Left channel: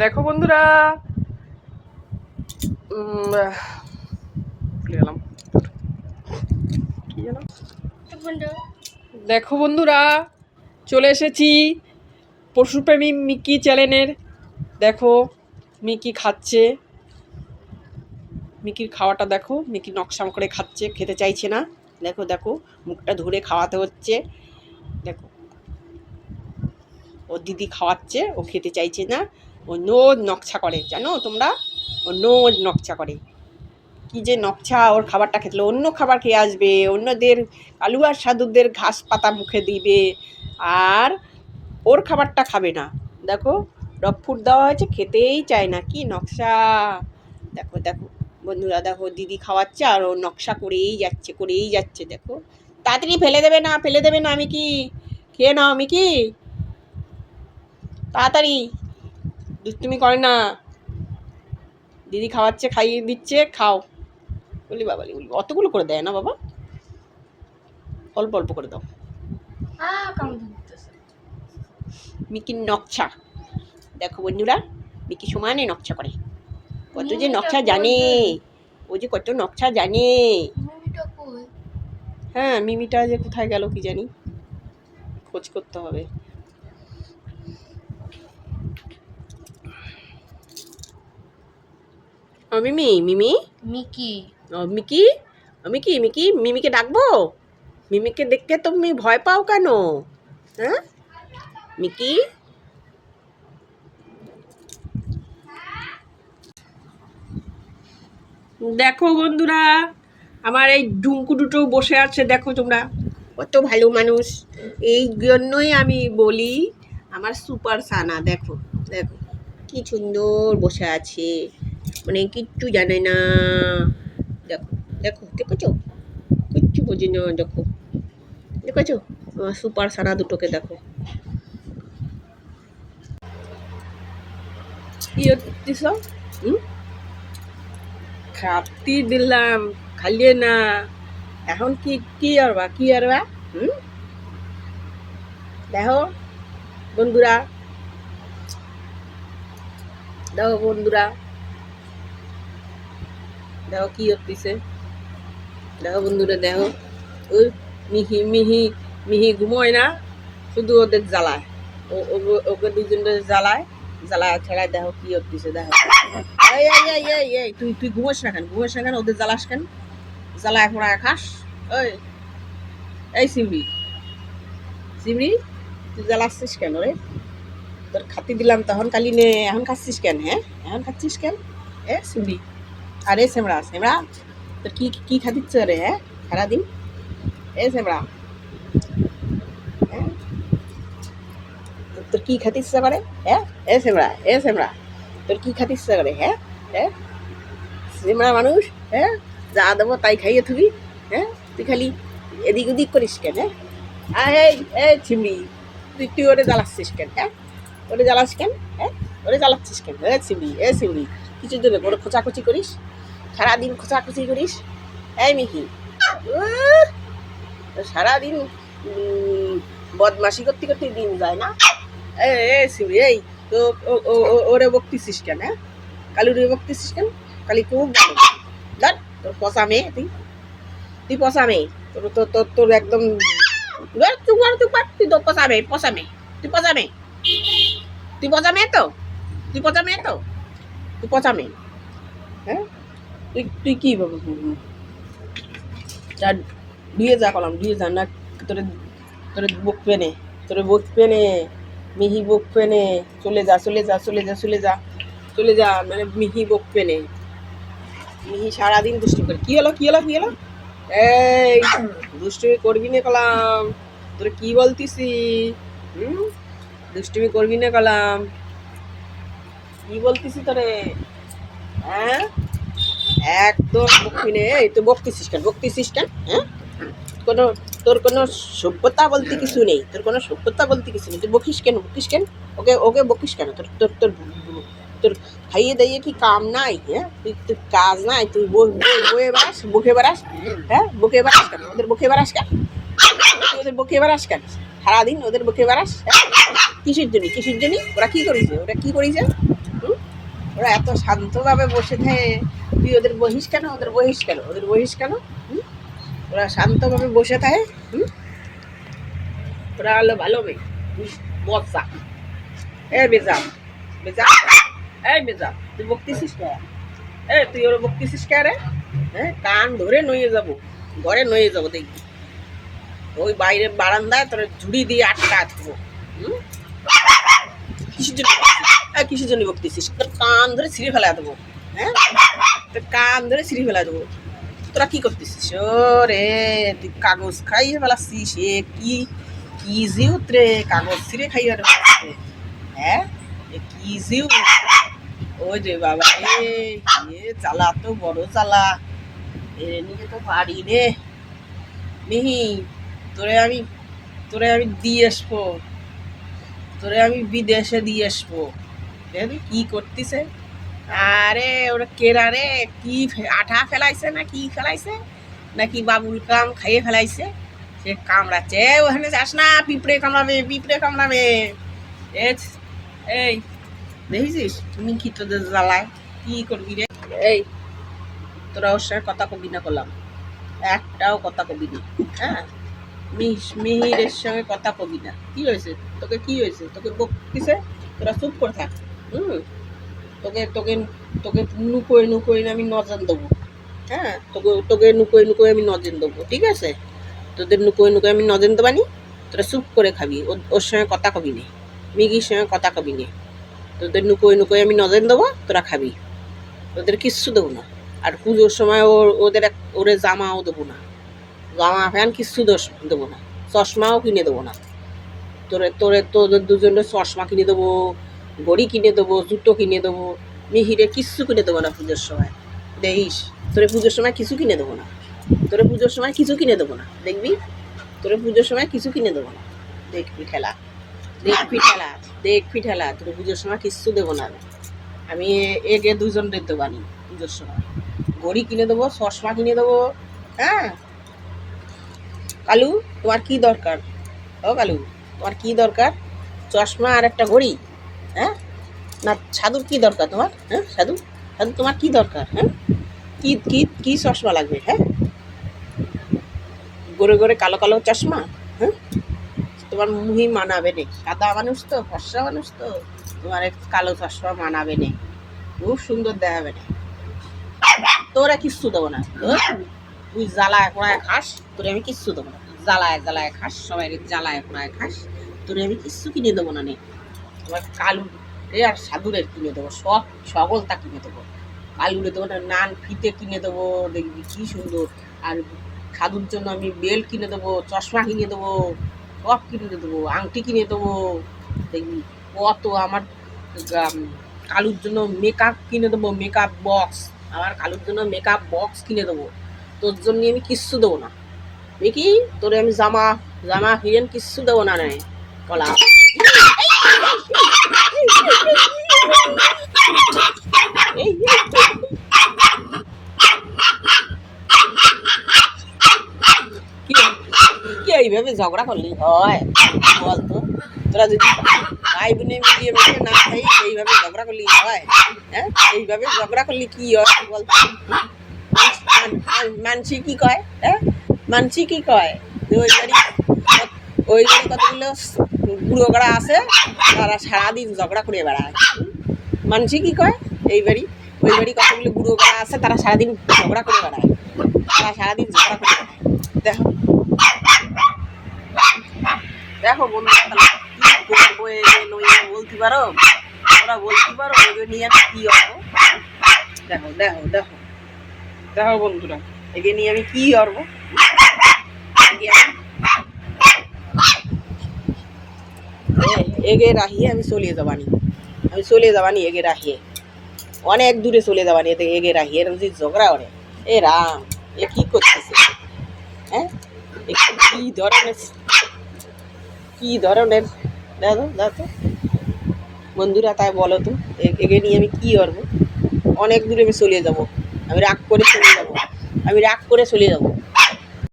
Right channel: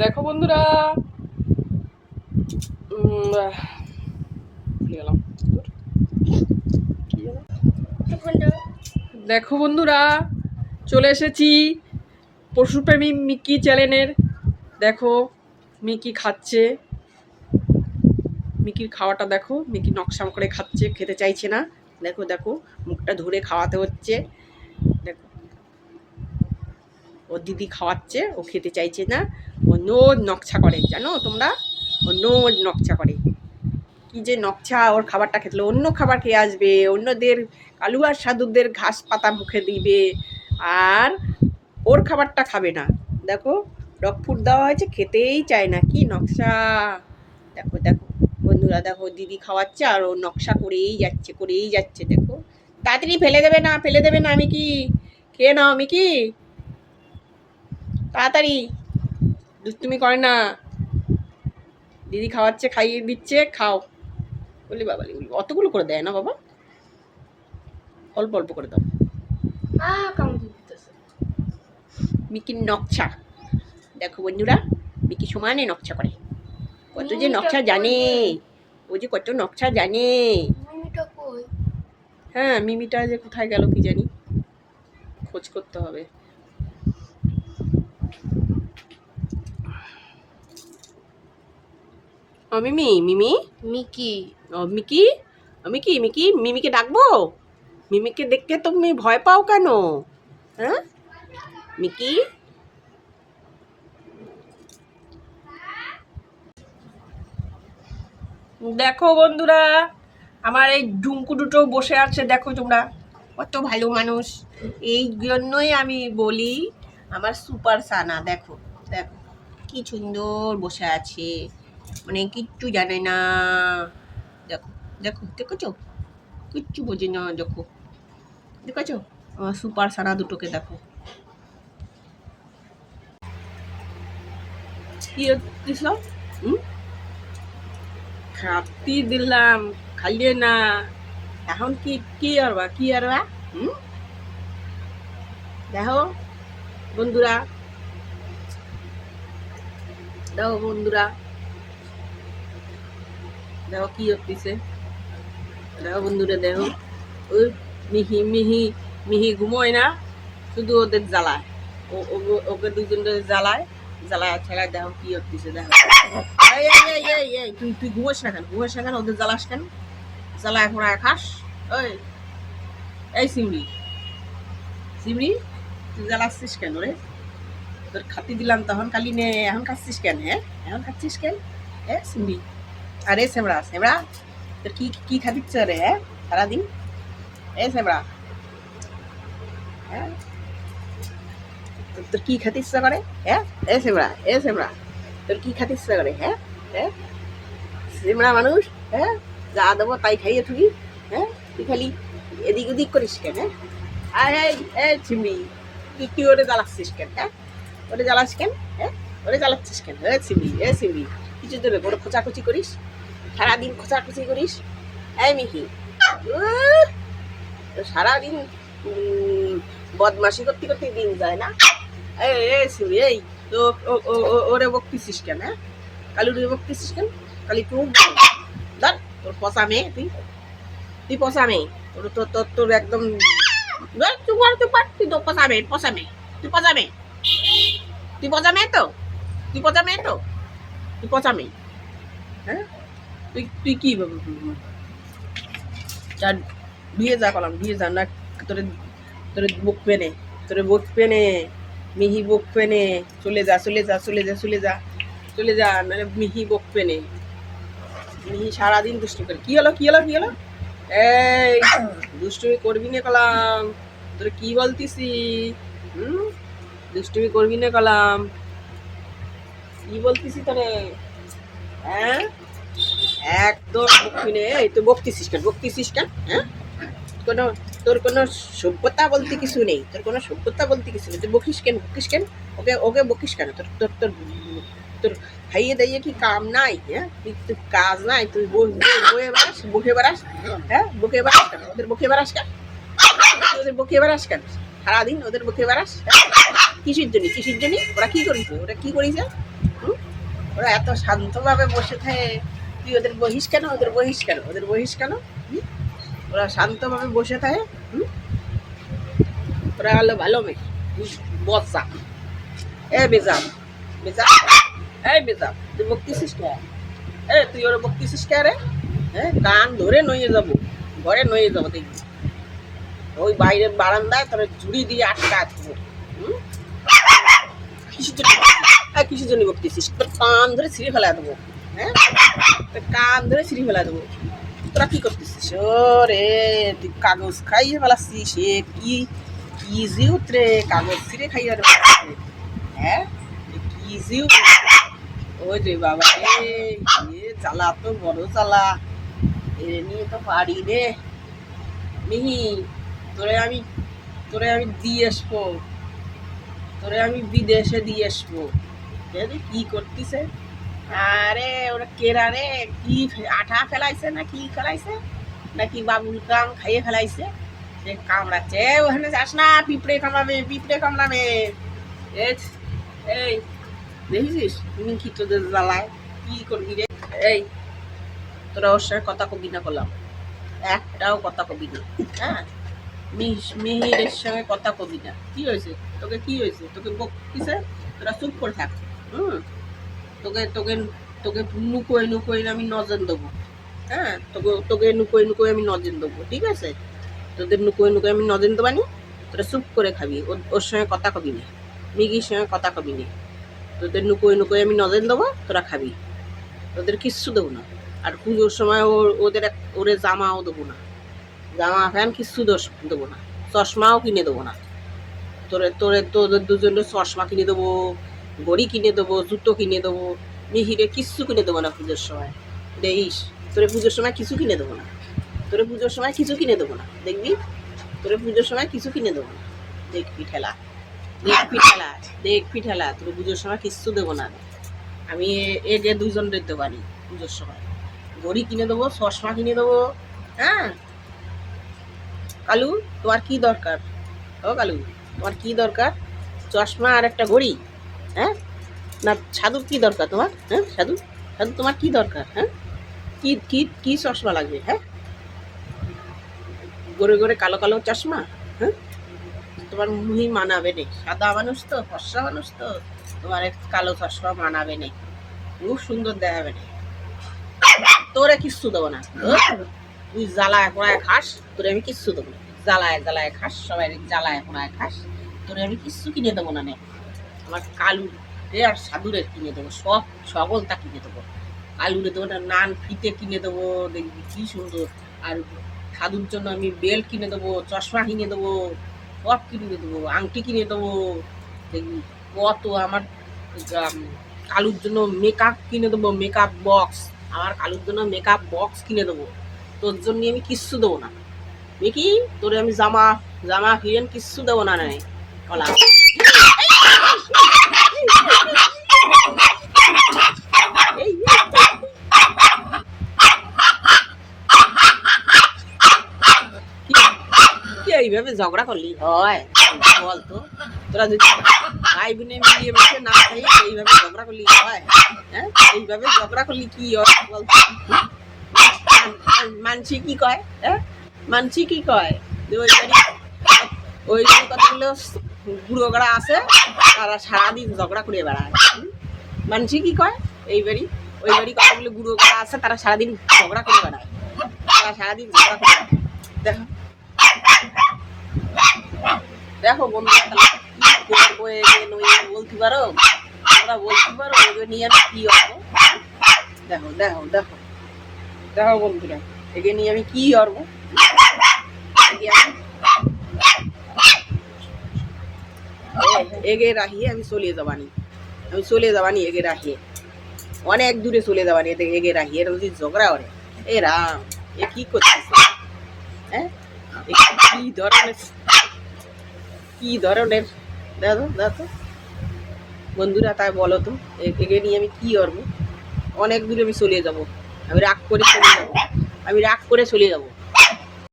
দেখো বন্ধুরা, ভুলে গেলাম কি জানো। দেখো বন্ধুরা, চলে এসেছি পশুপ্রেমী মিকি চ্যানেলের। দেখো মিকি খাচ্ছে, মিকির খাওয়াটা দেখো। মিকি নকশাম করে খাচ্ছে, খেতে চাইছে না। দেখো দেখো মুখটা ধরে খাওয়াতে হচ্ছে। দেখো ও দিদি খাওয়াচ্ছে, ও খেতে চাইছে না। ও নোজ নকশা করে, জানো তোমরা, ও নোজ নকশা করে। কি যে নকশা, ওর খাবারটা খেতলে অন্য খাবার খেয়ে আসবে, অন্যদের কালু আর সাধুদের ঘাস পাতা মুখে দিবে, আর ওর খাবারটা খাবে না। দেখো ডগ ফুড দেওয়া হয়েছে, খেতেই চায় না। কি নকশা দেখো দেখো বন্ধুরা, দেখো দিদি খাওয়াচ্ছে আর ও নকশা করেই যাচ্ছে করেই যাচ্ছে। দেখো তাড়াতাড়ি ফেলে দেবে না, ফেলে দেবে না। মিকি খেয়ে নাও, মিকি তাড়াতাড়ি, দুষ্টুমি করে না। দিদি খাওয়াচ্ছে, খাইয়ে দিচ্ছে, খাও। বলি বাবা, বলি অতগুলো করে দেয় না বাবা, অল্প অল্প করে দাও। মিকির নকশা দেখো বন্ধুরা, মিকি সমানে নকশা করে। কত যে নকশা জানে, ও যে কত নকশা জানে। হ্যাঁ, মিমিটা যে কোথায় গেল কি জানি, খোঁজ করতে হবে। ও মিমি, মিমি মিকি ও মিকি, ও মিকি, মিকি মিমিকে ডাকবো? মিমিকে দেখতে তুমি ভয় পাও কেন? হ্যাঁ মিকি, দেখো বন্ধুরা, আমার এই ডুমকু দুটো বসে আছে। দেখো তোমরা, কত ভালো মানুষ। এই জন্যই আমি বলি আমার সুপার সানা। দেখো দেখো কি সুন্দর বসে আছে, মানে কিচ্ছু জানে না। দেখো দেখো, দেখেছো, কিচ্ছু বোঝে না। দেখো দেখেছো আমার সুপার সানা দুটোকে, দেখো কি হচ্ছিস। খাতি দিলাম, খাইয়ে না। এখন কি কি আরবা, কি আরবা? দেখো বন্ধুরা, দেখো বন্ধুরা, দেখো কি হচ্ছে। দেখো বন্ধুরা, দেখো ওই মিহি মিহি মিহি ঘুমোয় না, শুধু ওদের জ্বালায়। ওকে দুজনের জ্বালায় জ্বালায় ছাড়ায়। দেখো কি হচ্ছে। দেখো এই এই এই এই এই তুই তুই ঘুমোস না কেন, ঘুমোস না কেন, ওদের জ্বালাস কেন? জ্বালায় পড়ায় খাস। ওই এই সিমড়ি, সিমড়ি তুই জ্বালাচ্ছিস কেন রে? তোর খাতি দিলাম তখন কালি নে, এখন খাচ্ছিস কেন? হ্যাঁ এখন খাচ্ছিস কেন? এ সিমড়ি, আরে সেমড়া সেমড়া, তোর কি কি খাতিচ্ছ রে? হ্যাঁ সারাদিন এ সেমড়া, হ্যাঁ তোর কি খাতে ইচ্ছা করে? হ্যাঁ এ সেমড়া, এ সেমড়া, তোর কি খাতে ইচ্ছা করে? হ্যাঁ হ্যাঁ সেমড়া মানুষ, হ্যাঁ যা দেবো তাই খাইয়ে থুবি। হ্যাঁ তুই খালি এদিক ওদিক করিস কেন? হ্যাঁ আর এই চিমড়ি, তুই তুই ওরে জ্বালাচ্ছিস কেন? হ্যাঁ ওরে জ্বালাস কেন? হ্যাঁ ওরে জ্বালাচ্ছিস কেন? এ চিমড়ি, এ চিমড়ি, কিছুর জন্য বড় খোঁচাখুচি করিস, সারাদিন খোঁচাখুচি করিস। এই মিহি, সারাদিন বদমাশি করতে করতে দিন যায় না? এই তো ওরে বকতেছিস কেন? হ্যাঁ কালুরে বকতেছিস কেন? কালি খুব ধর, তোর পচা মেয়ে, তুই তুই পচা মেয়ে, তোর তোর তোর তোর একদম তুই তো পচা মেয়ে, পচা মেয়ে, তুই পচা মেয়ে, তুই পচা মেয়ে তো, তুই পচা মেয়ে তো, তুই পচা মেয়ে। হ্যাঁ তুই তুই কি যা ধুয়ে যা কলাম, ধুয়ে যা না। তোরে তোরে বকবে নে, তোরে বকবে নে, মিহি বকবে নে। চলে যা চলে যা চলে যা চলে যা চলে যা, মানে মিহি বকবে নে। মিহি সারাদিন দুষ্টু করে। কি হলো কি হলো কি হলো? এই দুষ্টুমি করবি না কলাম, তোরে কি বলতিসি? দুষ্টুমি করবি না কলাম, কি বলতিসি তোরে? হ্যাঁ একদম বকবি নে। এই তুই বকতিসিস কেন, বকতিসিস কেন? হ্যাঁ কোনো, তোর কোনো সভ্যতা বলতে কিছু নেই, তোর কোনো সভ্যতা বলতে কিছু নেই। তুই বকিস কেন, বকিস কেন? ওকে ওকে বকিস কেন? তোর তোর তোর তোর খাইয়ে দাইয়ে কি কাম নাই? হ্যাঁ তুই তুই কাজ নাই, তুই বয়ে বেড়াস, বকে বেড়াস। হ্যাঁ বকে বেড়াস কেন? ওদের বকে বেড়াস কেন? ওদের বকে বেড়াস কেন সারাদিন? ওদের বকে বেড়াস কিসের জন্য, কিসের জন্য? ওরা কি করেছে, ওরা কি করেছে? ওরা এত শান্তভাবে বসে থাকে, তুই ওদের বহিস কেন, ওদের বহিস কেন, ওদের বহিস কেন? ওরা শান্তভাবে বসে থাকে। ওরা হলো ভালো মেয়ে, বচ্চা। এ বেজাম, বেজাম, এই বেজাম, তুই বকতেছিস কে? তুই ওরা বকতেছিস কে রে? কান ধরে নইয়ে যাবো, ঘরে নইয়ে যাবো দেখবি। ওই বাইরে বারান্দায় তোর ঝুড়ি দিয়ে আটকা থাকবো। কিসের জন্য বকতেছিস? তোর কান ধরে ছিঁড়ে ফেলা দেবো। তোর কান ধরে ছিঁড়ে ফেলা দেবো। তোরা কি করতেছিস? ও রে, তুই কাগজ খাইয়ে ফেলাচ্ছিস। কি কি জিউত রে, কাগজ ছিঁড়ে খাইয়ে কি জিউ? ওই রে বাবা জ্বালা তো বড় জ্বালা, এ নিয়ে তো পারি রে। মিহি, তোরে আমি দিয়ে আসবো, তোরে আমি বিদেশে দিয়ে আসবো। কি করতেছে? আরে ওরা কেরা রে, কি আঠা ফেলাইছে না কি ফেলাইছে, নাকি বাবুল কাম খাইয়ে ফেলাইছে, সে কামড়াচ্ছে। ওখানে যাস না, পিঁপড়ে কামড়াবে, পিঁপড়ে কামড়াবে। এই দেখেছিস তুমি কি তোদের জ্বালায়? কি করবি রে? এই তোরা ওর সঙ্গে কথা কবি না, করলাম একটাও কথা কবি না। মিহিরের সঙ্গে কথা কবি না। কি হয়েছে তোকে? কি হয়েছে তোকে? বকিছে? তোরা চুপ করে থাক। তোকে তোকে তোকে নুকোয় নুকোয় আমি নজেন দেবো। তোকে তোকে নুকোয় নুকোয় আমি নজেন দেবো, ঠিক আছে? তোদের নুকোয় নুকোয় আমি নজেন দেবানি। তোরা চুপ করে খাবি, ওর সঙ্গে কথা কবি নে, মিগির সঙ্গে কথা কবি নে। তোদের নুকোয় নুকোয় আমি নজেন দেবো, তোরা খাবি। তোদের কিচ্ছু দেবো না। আর পুজোর সময় ওরে জামাও দেবো না, জামা প্যান্ট কিচ্ছু দেবো না, চশমাও কিনে দেবো না। তোদের দুজনের চশমা কিনে দেবো, ঘড়ি কিনে দেবো, জুতো কিনে দেবো। মিহিরে কিচ্ছু কিনে দেবো না পুজোর সময়, দেখিস। তোরে পুজোর সময় কিছু কিনে দেবো না, তোরে পুজোর সময় কিছু কিনে দেবো না, দেখবি। তোরে পুজোর সময় কিছু কিনে দেবো না, দেখবি ঠেলা, দেখবি ঠেলা, দেখবি ঠেলা। তোরে পুজোর সময় কিচ্ছু দেবো না। আমি এগে দুজনের দেবানি পুজোর সময়। ঘড়ি কিনে দেবো, চশমা কিনে দেবো। কালু, তোমার কি দরকার? ও কালু, তোমার কি দরকার? চশমা আর একটা ঘড়ি? না সাধুর কি দরকার তোমার? সাধু, সাধু তোমার কি দরকার? কি কি কি চশমা লাগবে? গোরে গোরে কালো কালো চশমা? তোমার মুহি মানাবে নে, সাদা মানুষ তো, ফর্সা মানুষ তো, তোমার এক কালো চশমা মানাবে নে, খুব সুন্দর দেখাবে নে। তোরা কিচ্ছু দেবো না। তুই জ্বালায় কোনায় খাস, তোরে আমি কিচ্ছু দেবো না। জ্বালায় জ্বালায় খাস, সবাই জ্বালায় কোনায় খাস, তোরে আমি কিচ্ছু কিনে দেবো না নে। তোমার কালুরে আর সাধুরের কিনে দেবো, সব সকলটা কিনে দেবো। কালুরে দেবো না, নান ফিতে কিনে দেবো, দেখবি কি সুন্দর। আর সাধুর জন্য আমি বেল্ট কিনে দেবো, চশমা কিনে দেবো, সব কিনে দেবো, আংটি কিনে দেবো, দেখবি কত। আমার কালুর জন্য মেকআপ কিনে দেবো, মেকআপ বক্স। আমার কালুর জন্য মেকআপ বক্স কিনে দেবো। তোর জন্য আমি কিচ্ছু দেবো না, দেখি। তোরে আমি জামা জামা হিরেন কিচ্ছু দেবো না নাই কলা। কি এইভাবে ঝগড়া করলি হয় বলতো? তোরা যদি ভাই বোনে মিলিয়ে মিশিয়ে না খাই, এইভাবে ঝগড়া করলি হয়? এইভাবে ঝগড়া করলি কি হয় বলতো? মানসি কি কয়? মানসি কি কয়? ওই বাড়ি কতগুলো বুড়োগড়া আছে, তারা সারাদিন ঝগড়া করে বেড়ায়। মানসি কি কয়? ওই বাড়ি কতগুলো বুড়োগড়া আছে, তারা সারাদিন ঝগড়া করে বেড়ায়, তারা সারাদিন ঝগড়া করে বেড়ায়। দেখো দেখো বন্ধুরা, কি করবো? বলতে পারো? ওরা বলতে পারো এগুলো নিয়ে আমি কি করবো? দেখো দেখো দেখো দেখো বন্ধুরা, এগে নিয়ে আমি কি করবো? এগে রাখিয়ে আমি চলে যাবানি, এগে রাখিয়ে অনেক দূরে চলে যাবানি। এগে রাখিয়ে যদি ঝগড়া করে, এ রাম, এ কি করতেছে? কি ধরনের দেখো দেখো বন্ধুরা, তাই বলো তো, এগে নিয়ে আমি কি করবো? অনেক দূরে আমি চলে যাব, আমি রাগ করে চলে যাব,